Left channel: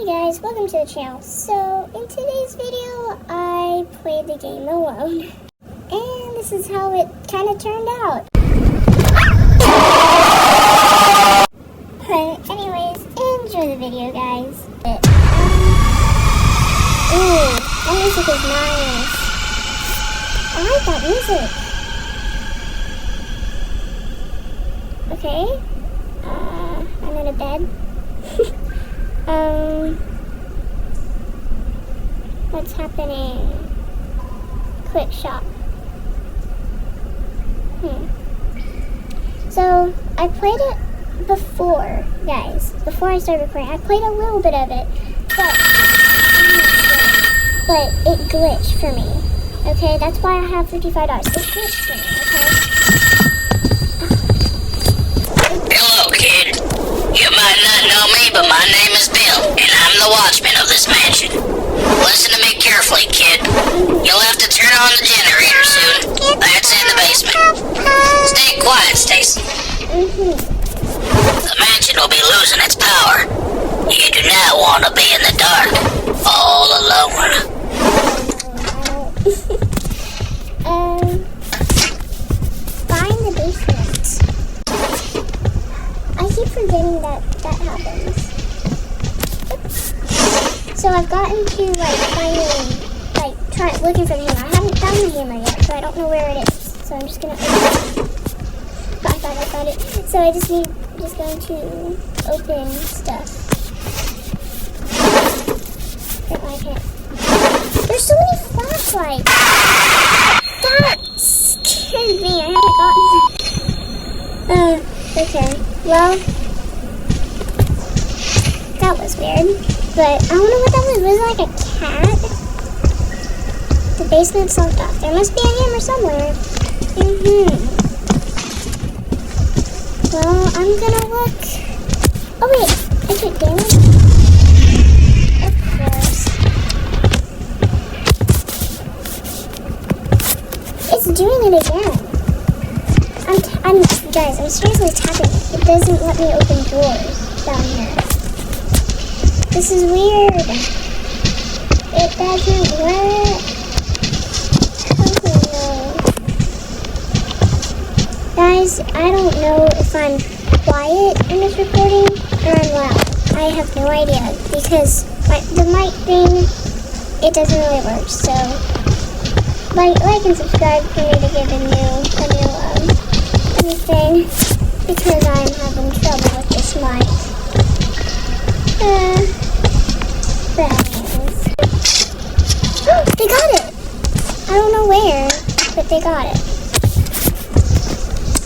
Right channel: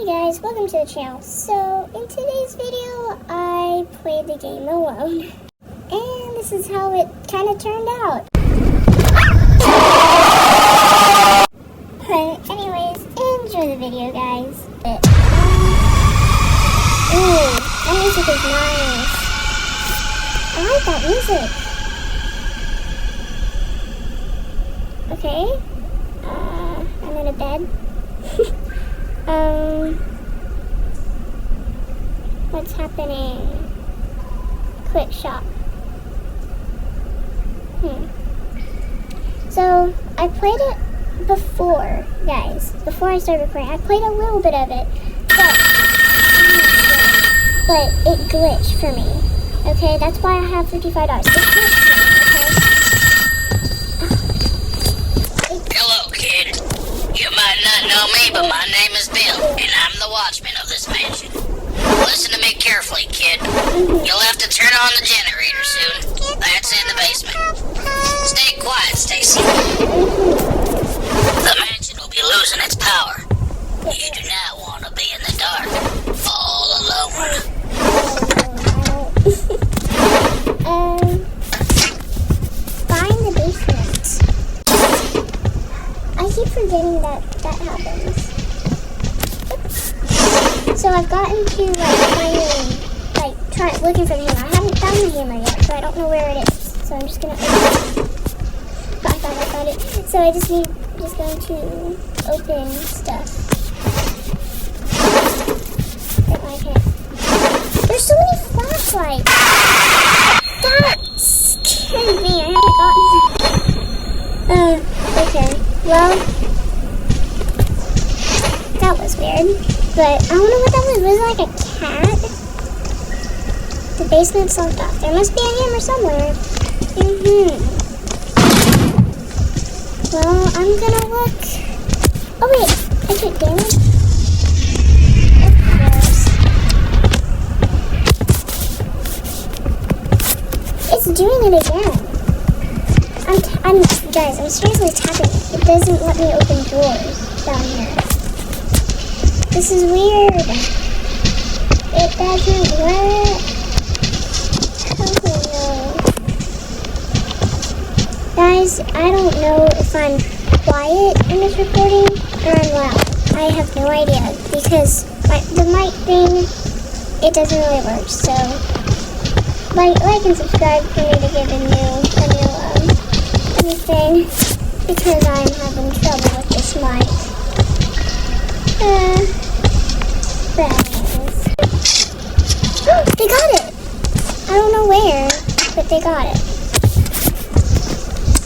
Hey guys, welcome to the channel. So, in today's video, I played the game alone. And this is how it kind of turned out. But anyways, enjoy the video, guys. Ooh, that music is nice. I like that music. Okay. I'm in a bed. What's happening? Quick shop. So, I played it before, guys. Before I started recording. I played a little bit of it. But it glitched for me. Okay, that's why I have $55. It glitched for me, okay? Hello, kid. You might not know me, but my name is Bill, and I'm the watchman of this mansion. Listen to me carefully, kid. You'll have to turn on the generator soon. That's in the basement. Stay quiet, Stacy. The mansion will be losing its power. You do not want to be in the dark, all alone. Find the basement. I keep forgetting that happens. So I've gotten to finding, looking for the hammer. I haven't found the hammer yet, so I don't know where it is. So I'm just gonna open it. I found it. So I just going to open stuff. Get my hand. There's so many flashlights. That scared me. I haven't gotten. Okay. Well, that was weird. But I don't know what that was. Was it like a cat? The basement's locked off. There must be a hammer somewhere. Well, I'm gonna look. Oh wait, I take damage? Of course. It's doing it again. Guys, I'm seriously tapping it. It doesn't let me open doors down here. This is weird. It doesn't work. Oh no. Guys, I don't know if I'm quiet in this recording or I'm loud. I have no idea because the mic thing, it doesn't really work. So, like and subscribe for me to give a new thing because I'm having trouble with this mic. But anyways. They got it! I don't know where, but they got it.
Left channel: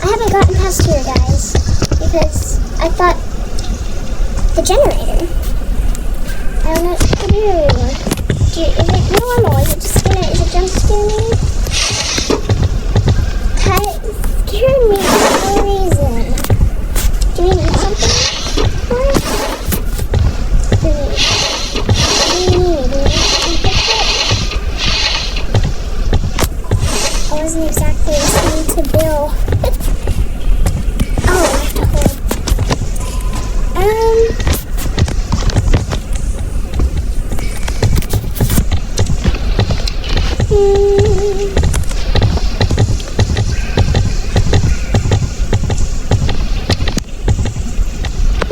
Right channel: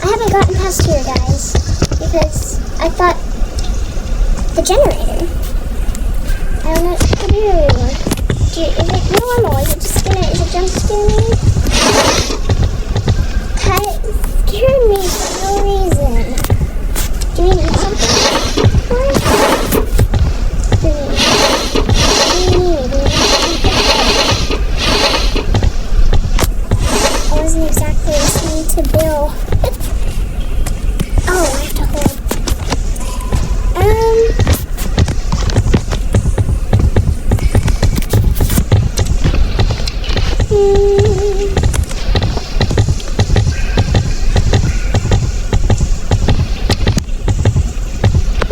I haven't gotten past here, guys, because I thought the generator. I don't know what to do. Is it normal? Is it jump scare me? It scared me for no reason. Do we need something for it? I wasn't exactly listening to Bill. Oh, I have to hold.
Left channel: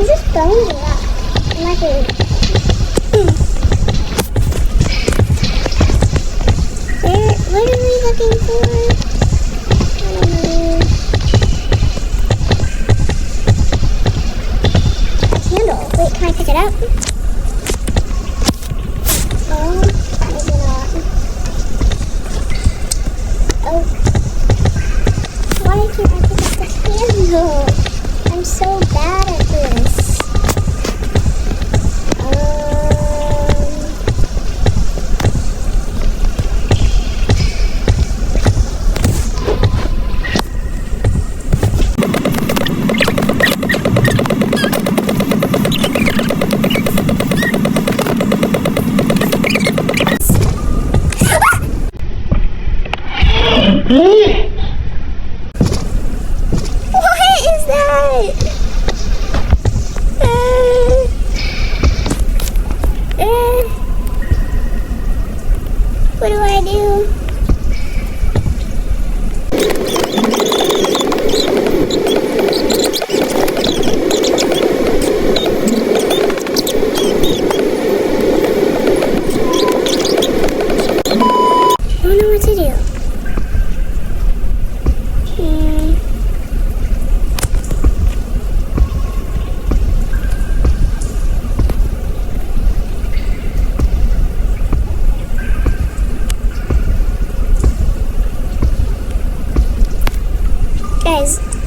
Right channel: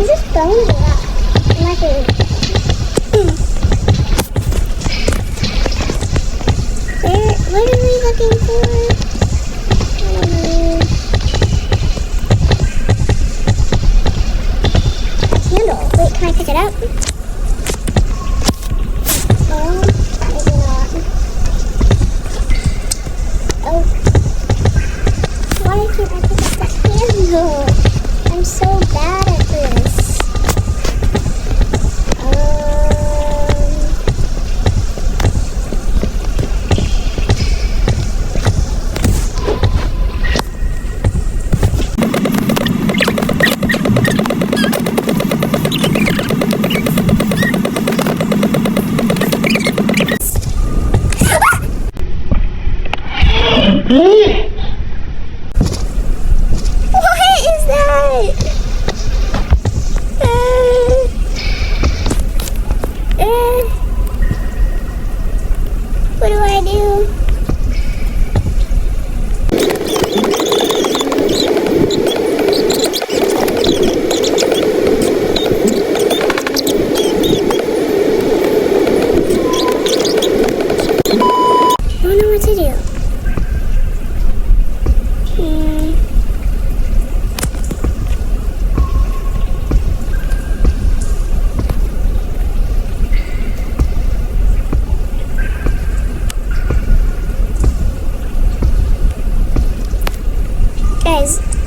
Is this bones or what? I'm not really. What are we looking for? A candle. Wait, can I pick it up? Oh, maybe not. Oh. Why can't I pick up the candle? I'm so bad at this. What is that?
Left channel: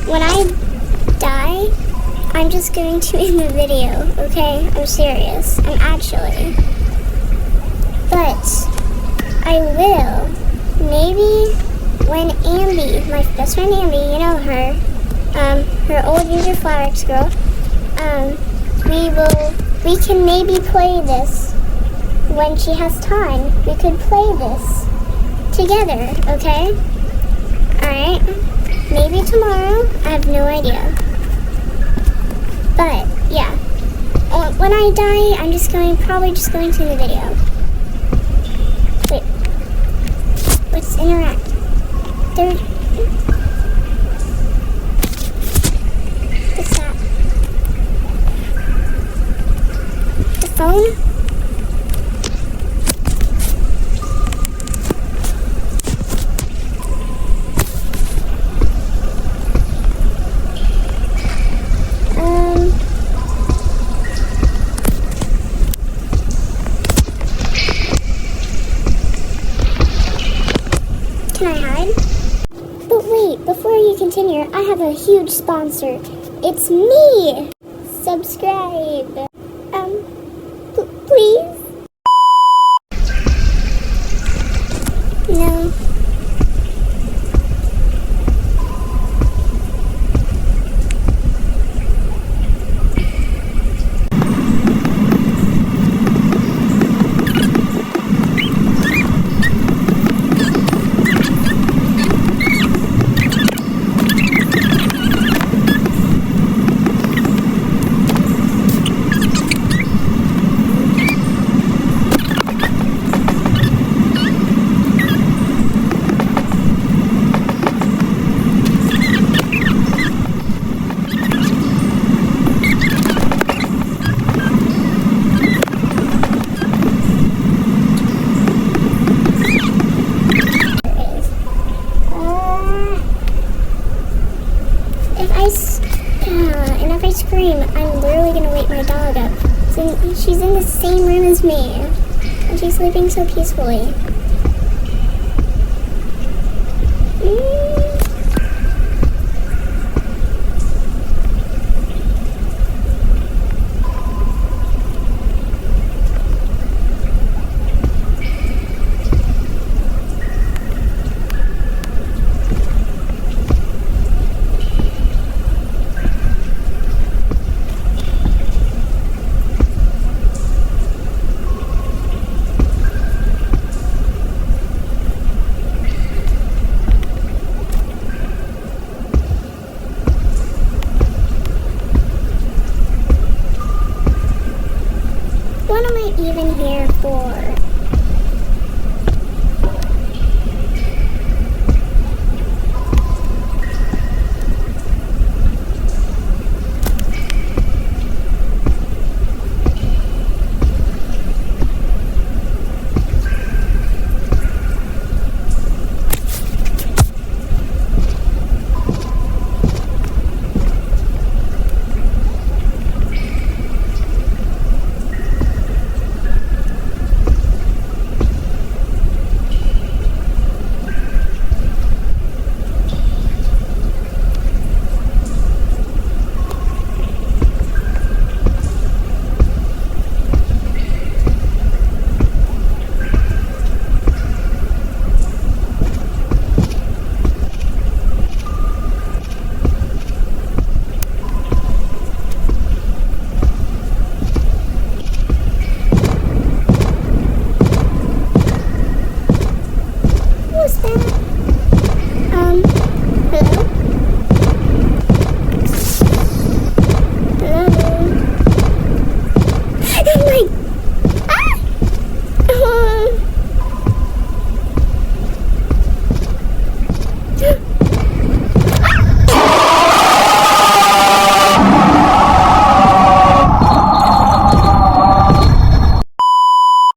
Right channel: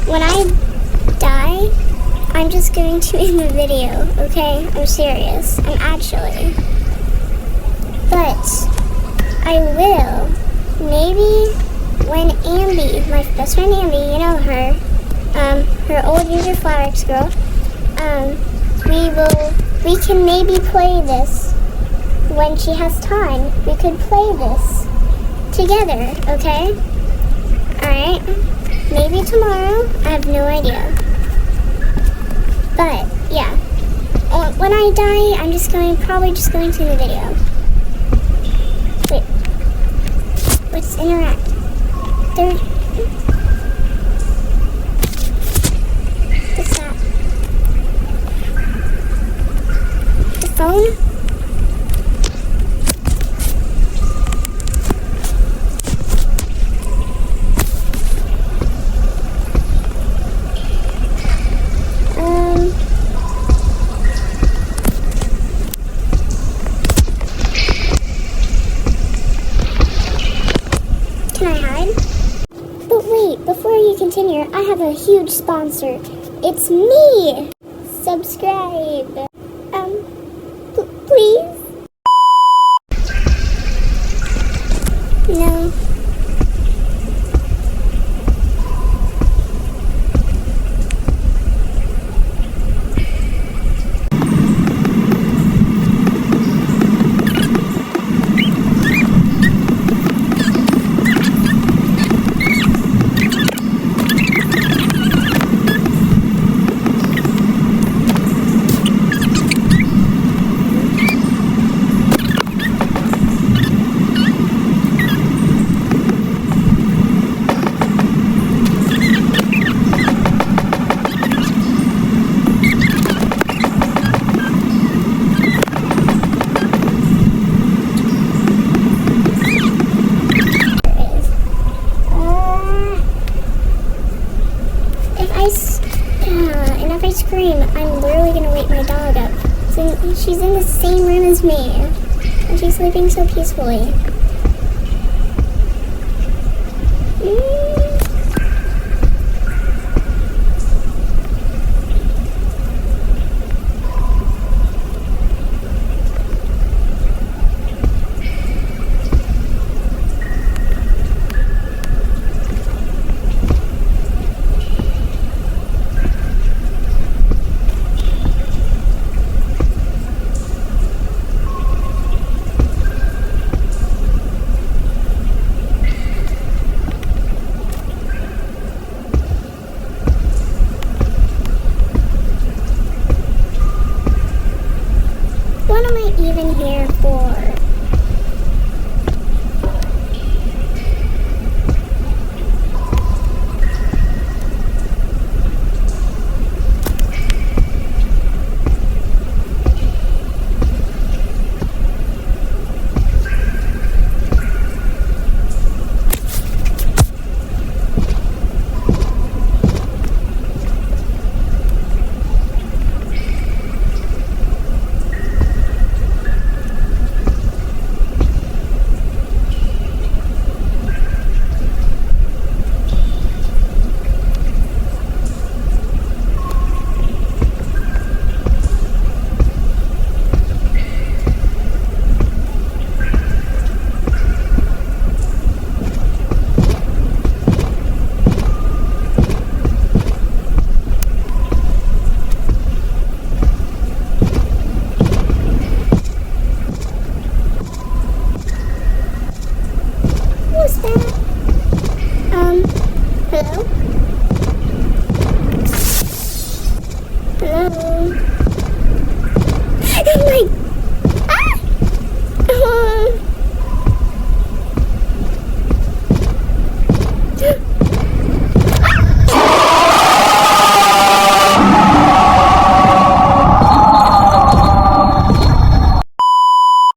when I die, I'm just going to end the video, okay? I'm serious. I'm actually. But I will. Maybe when Ambi, my best friend Ambi, you know her, her old user Flowerx girl, we can maybe play this when she has time. We could play this together, okay? Alright? Maybe tomorrow. I have no idea. But, yeah. When I die, I'm probably just going to the video. Wait. Let's interact. What's that? The phone? Can I hide? But wait, before you continue, I have a huge sponsor. It's me! Subscribe. Please? No. And if I scream, I'm literally gonna wake my dog up. She's in the same room as me, and she's sleeping so peacefully. What am I even here for?